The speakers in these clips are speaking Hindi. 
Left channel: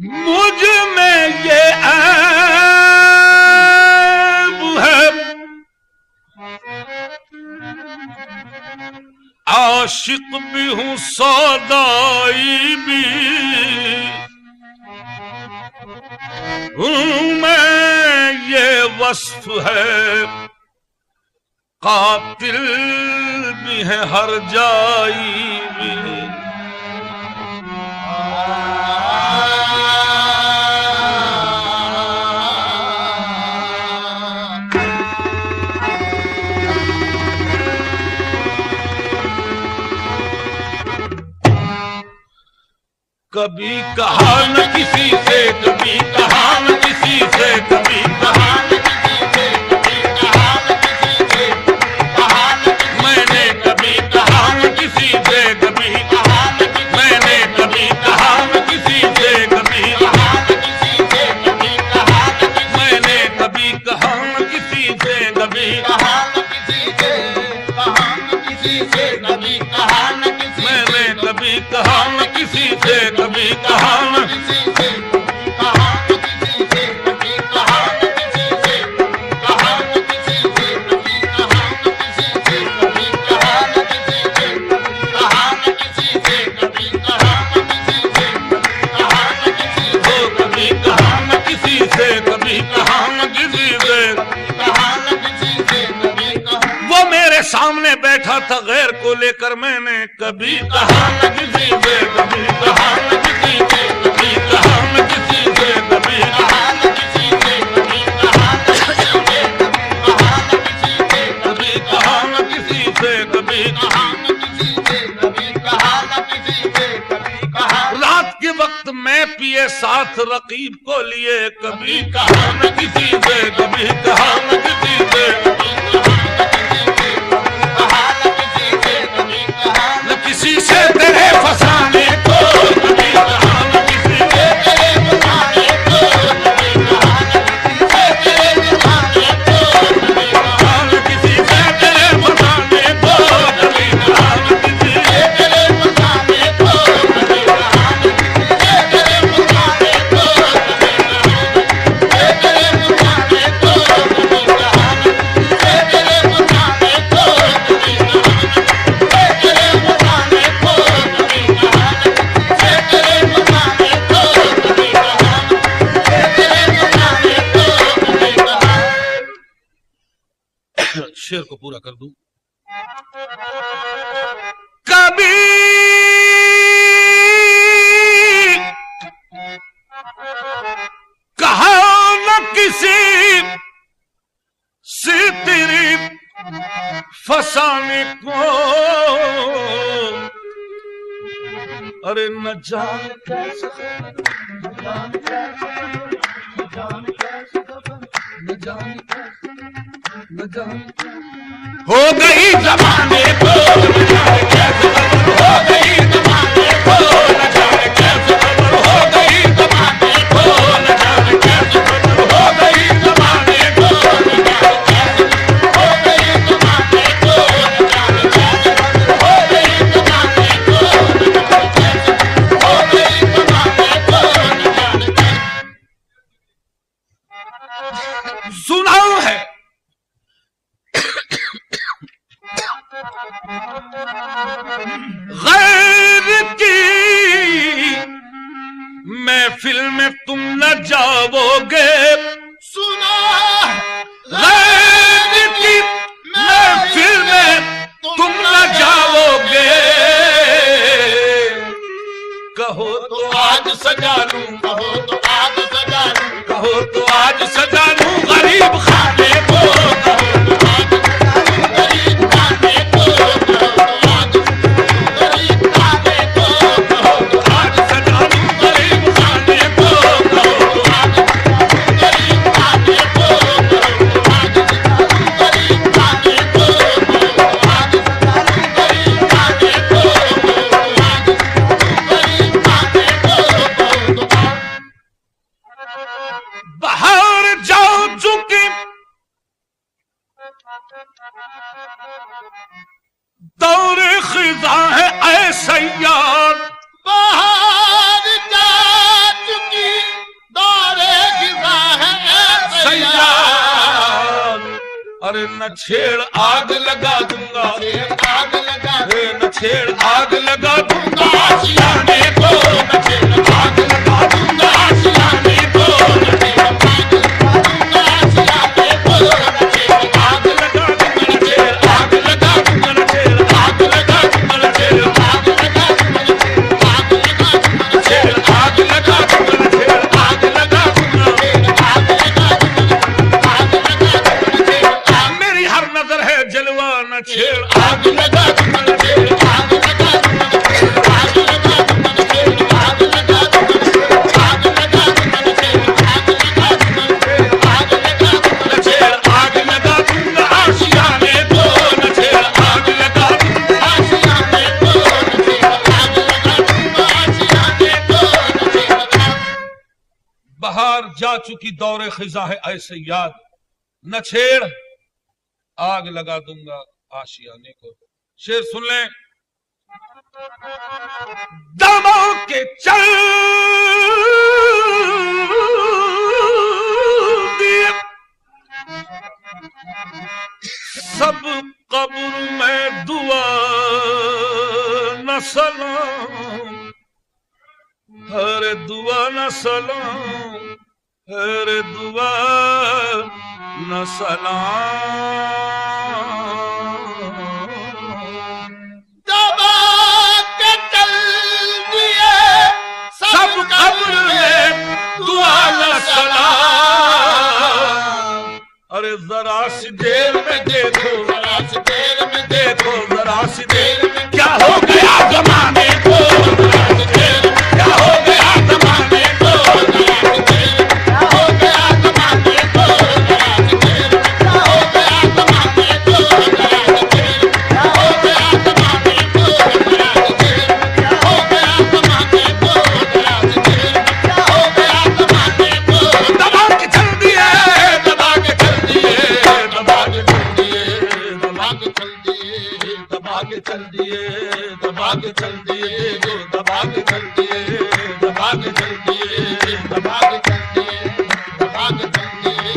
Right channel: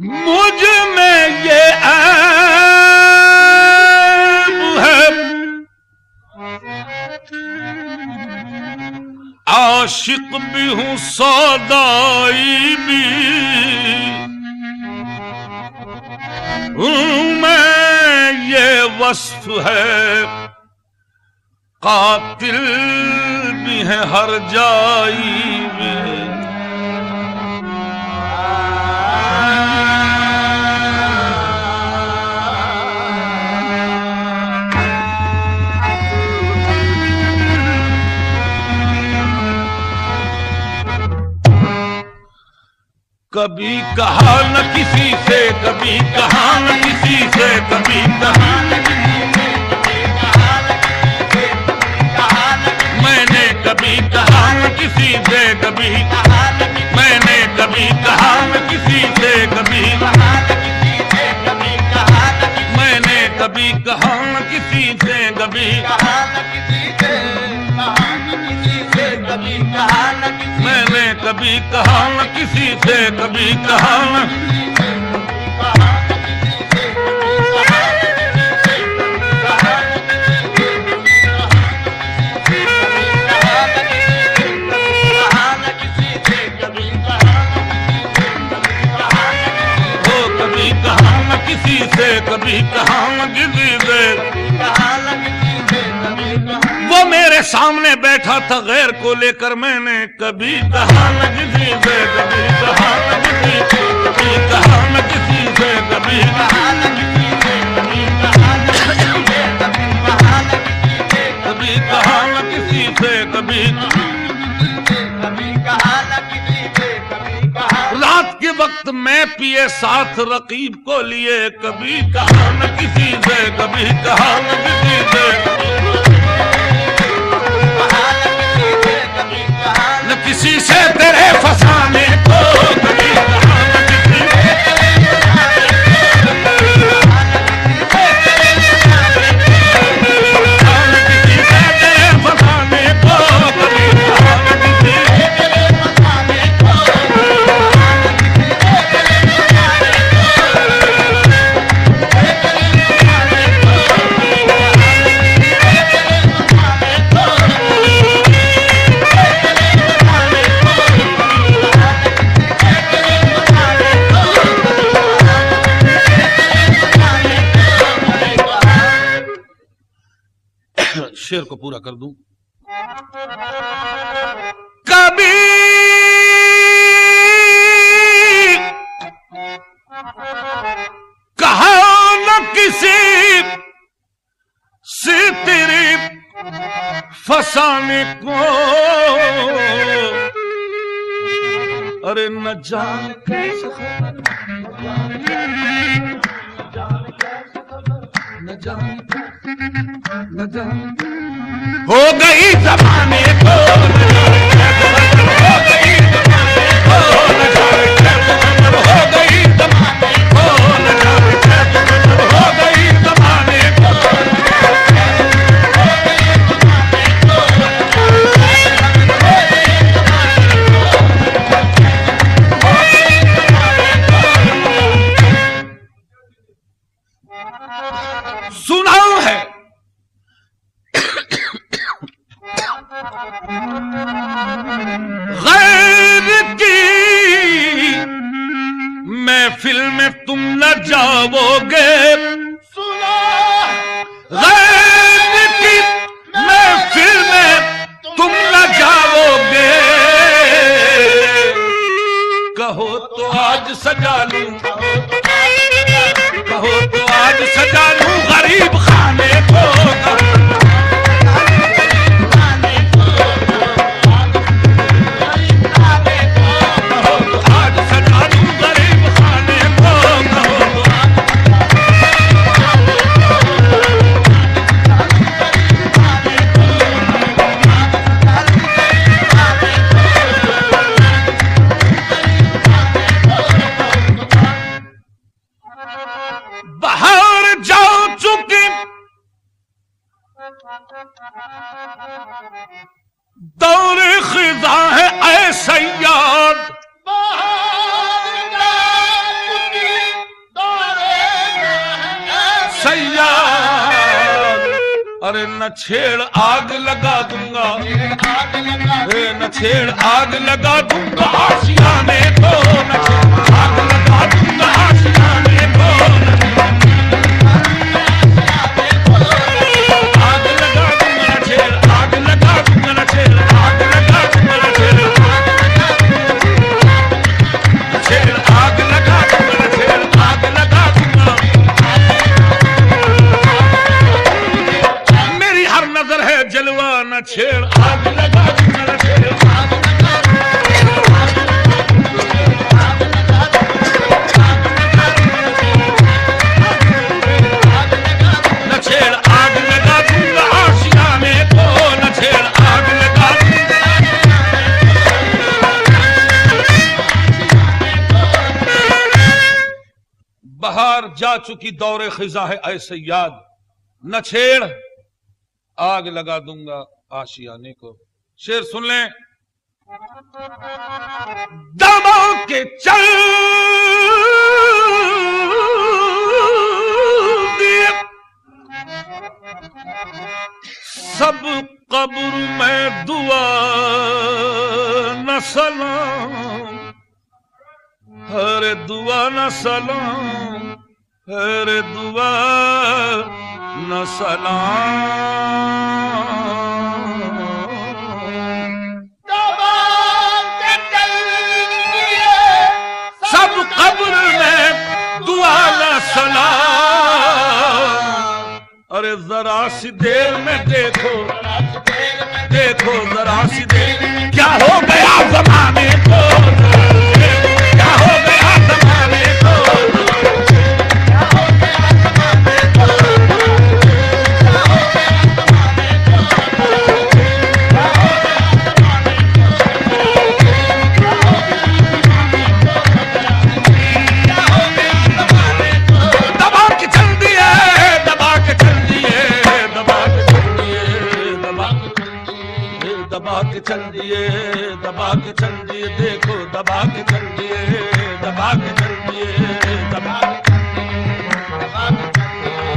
मुझ में ये ऐब है, आशिक भी हूं सौदाई भी हूं मैं, ये वस्फ है कातिल भी है हर जाई भी। कभी कहा न किसी से, कभी कहा न किसी से, कभी कहा न किसी से, कभी कहा न किसी से, कहा न मैंने कभी कहा न किसी से, कभी कहा न मैंने कभी कहा न किसी से, कभी कहा न किसी से, कभी कहा न मैंने कभी कहा न किसी से, कभी कहा न किसी से, कहा न किसी से, कभी कहा न मैंने कभी कहा न किसी से, कभी कहा न कभी कहा न किसी से, कभी कहा न किसी से, वो मेरे सामने बैठा था गैर को लेकर, मैंने कभी कहा न किसी से, कभी कहा न किसी से, कभी कहा न किसी से, कभी कहा न किसी से, कभी कहा न किसी से, कभी कहा न किसी से, कभी कहा न किसी से, कभी कहा। रात के वक्त मैं पिए साथ रकीब को लिए, कभी कहा न किसी से, कभी कहा न किसी से, किसी से तेरे फसाने को, कभी कहा न किसी से, किसी से तेरे फसाने को, कभी कहा न किसी शेर को पूरा कर दूं। कभी कहा न किसी से तेरे फसाने को, अरे न जान कैसे न जान हो गई जमाने को, हो गई जमाने को, न जाने कैसे खबर हो गई जमाने को, न जाने कैसे खबर हो गई जमाने को, हो गई जमाने को, हो गई जमाने को, हो गई जमाने को। सुना है गैर की महफिल में तुम न जाओगे, सुना गैर की महफिल में तुम न जाओगे, कहो तो आज सजा लूं, कहो तो आज सजा लूं गरीब खाने को, बाहर जा चुकी अरे न छेड़ आग लगा दूंगा, न छेड़ आग लगा दूंगा आशियाने को, न छेड़ आग लगा दूंगा आशियाने को, आग लगा दूंगा न छेड़ आग लगा दूंगा न छेड़ आग लगा दूंगा न छेड़ आग लगा दूंगा न छेड़ आग लगा दूंगा। मेरी हर नजर है जलवा न छेड़ आग लगा दूंगा न छेड़ आग लगा न छेड़ आग लगा दूंगा आशियाने को, न छेड़ आग लगा बाहर जा चुकी दौरे खिजा है ऐसे याद, न छेड़ आग लगा दूंगा आशियाने को। शेर सुन लें। दबा के चल दिए सब कब्र में दुआ न सलाम, हरे दुआ न सलाम, हरे दुआ न सलाम। सब कब्र में दुआ न सलाम, अरे जरा सी देर में देखो, देखो जरा सी देर क्या हो गया जमाने को, क्या हो गया जमाने को, क्या हो गया जमाने को, क्या हो गया जमाने को, क्या हो गया जमाने को, क्या हो गया जमाने को, क्या हो गया जमाने को। दबा के चल दिए, दबा के चल दिए, दबा के चल दिए, दबा के चल दिए, दबा के चल दिए, दबा के चल दिए, देखो दबा के चल दिए, दबा के चल दिए, दबा के चल दिए, दबा के चल दिए।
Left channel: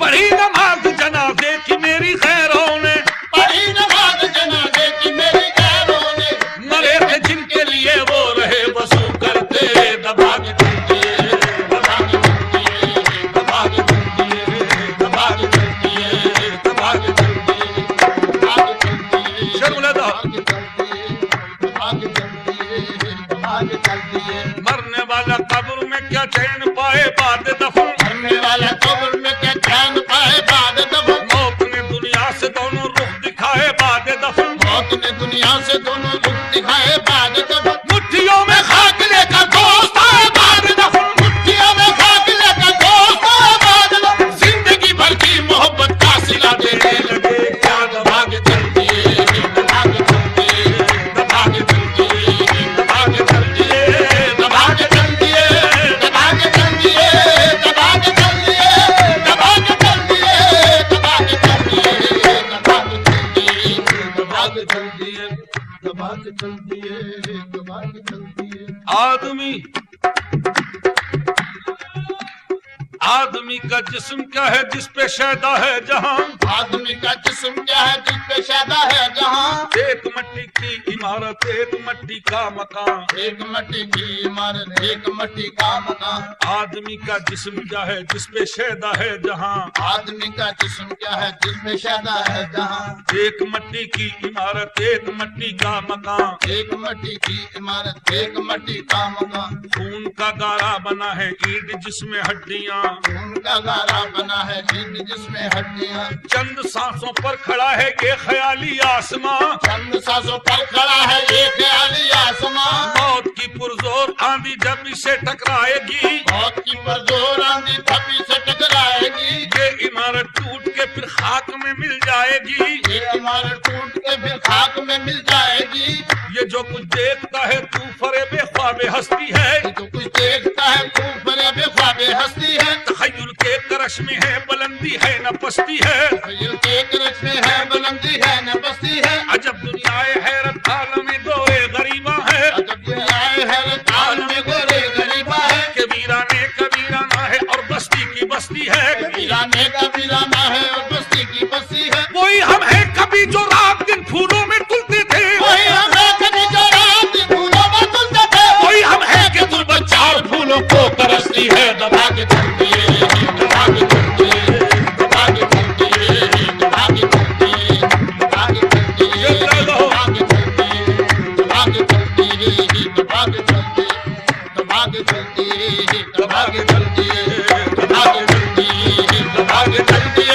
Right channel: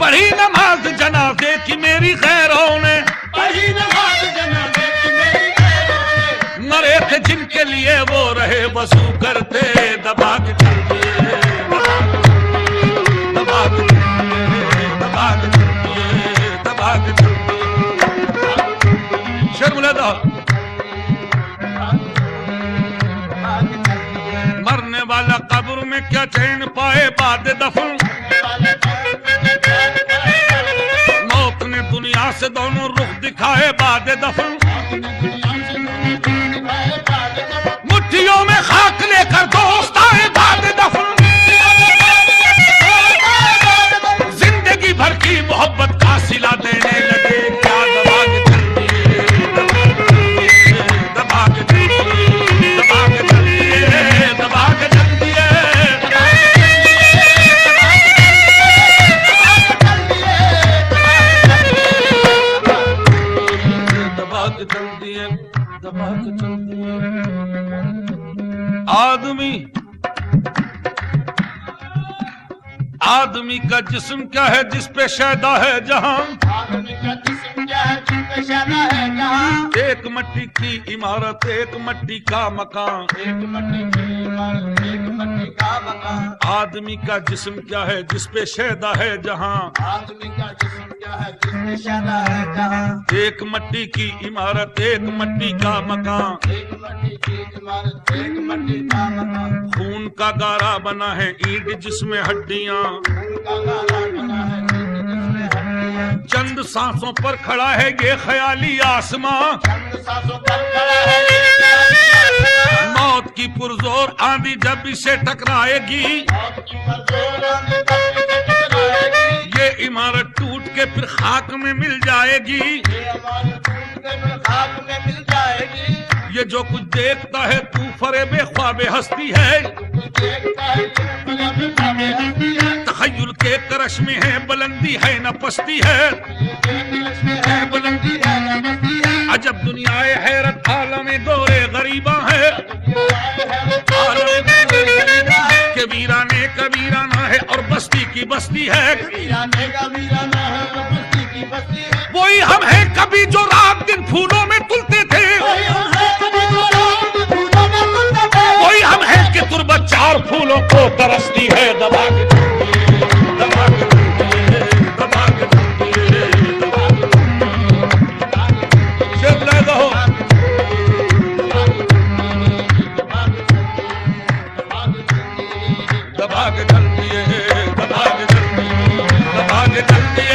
पढ़ी नमाज जनाजे की मेरी खैरों ने, पढ़ी नमाज जनाजे की मेरी खैरों ने, मरे थे जिनके लिए वो रहे वसूल करते, दबा के चल दिए, दबा के चल दिए, दबा के चल दिए, दबा के चल दिए, दबा के चल दिए। शर्मलदा मरने वाला कब्र में क्या चैन पाए बाद दफन, मौत ने दुनिया से दोनों रुख दिखाए बाद दफन, मुट्ठियों में खाक लेकर दोस्त आए बाद दफन, जिंदगी भर की मोहब्बत का सिला देने लगे, क्या दबा के चल दिए, दबा के चल दिए, दबा के चल दिए, दबा के चल दिए, दबा के चल दिए, दबा के चल दिए, दबा के चल दिए, दबा के चल दिए, दबा के चल दिए, दबा के चल दिए। आदमी का जिस्म क्या है जिस पे शैदा है जहां, आदमी का जिस्म क्या है जिस पे शैदा है जहां, एक मट्टी की इमारत एक मट्टी का मकान, एक मट्टी की इमारत एक मट्टी का मकान। आदमी का जिस्म क्या है जिस पे शैदा है जहां, आदमी का जिस्म क्या है जिस पे शैदा है जहां, एक मट्टी की इमारत एक मट्टी का मकान, एक मट्टी की इमारत एक मट्टी का मकान। खून का गारा बना है ईंट जिसमें हड्डियां, उनका गारा बना है जिसमें हड्डियां। चंद सांसों पर खड़ा है ये ख्याली आसमां, चंद सांसों पर खड़ा है ये ख्याली आसमां। मौत की पुरजोर आंधी जब इसे टकराएगी, मौत की पुरजोर आंधी जब इसे टकराएगी, ये इमारत टूट के फिर खाक में मिल जाएगी, ये इमारत टूट के फिर खाक में मिल जाएगी। ये जो कुछ देखता है तू फरेबे ख्वाबे हस्ती है, जो कुछ देखता है तू फरेबे ख्वाबे हस्ती है। तखय्युल के करश में है बुलंदी है न पस्ती है, बुलंदी है न पस्ती है। अजब दुनियाए हैरत आलम दौरे गरीबा है, आलम दौरे गरीबा है। कि के वीराने का वीराना है और बस्ती की बस्ती है, वीराने का वीराना है और बस्ती की बस्ती है। वही हम हैं कभी जो रात दिन फूलों में तुलते थे, वही हम हैं कभी जो रात दिन फूलों में तुलते थे। वही हम हैं कि तुरबत चार फूलों को तरसती है। दबा के चलती है, दबा के चलती है, दबा के चलती है, दबा के चलती है, दबा के चलती है, जब ना कहो दबा के चलती है, दबा के चलती है, दबा के चलती है, दबा के चलती है, दबा के चलती है, दबा के चलती है, दबा के चलती है।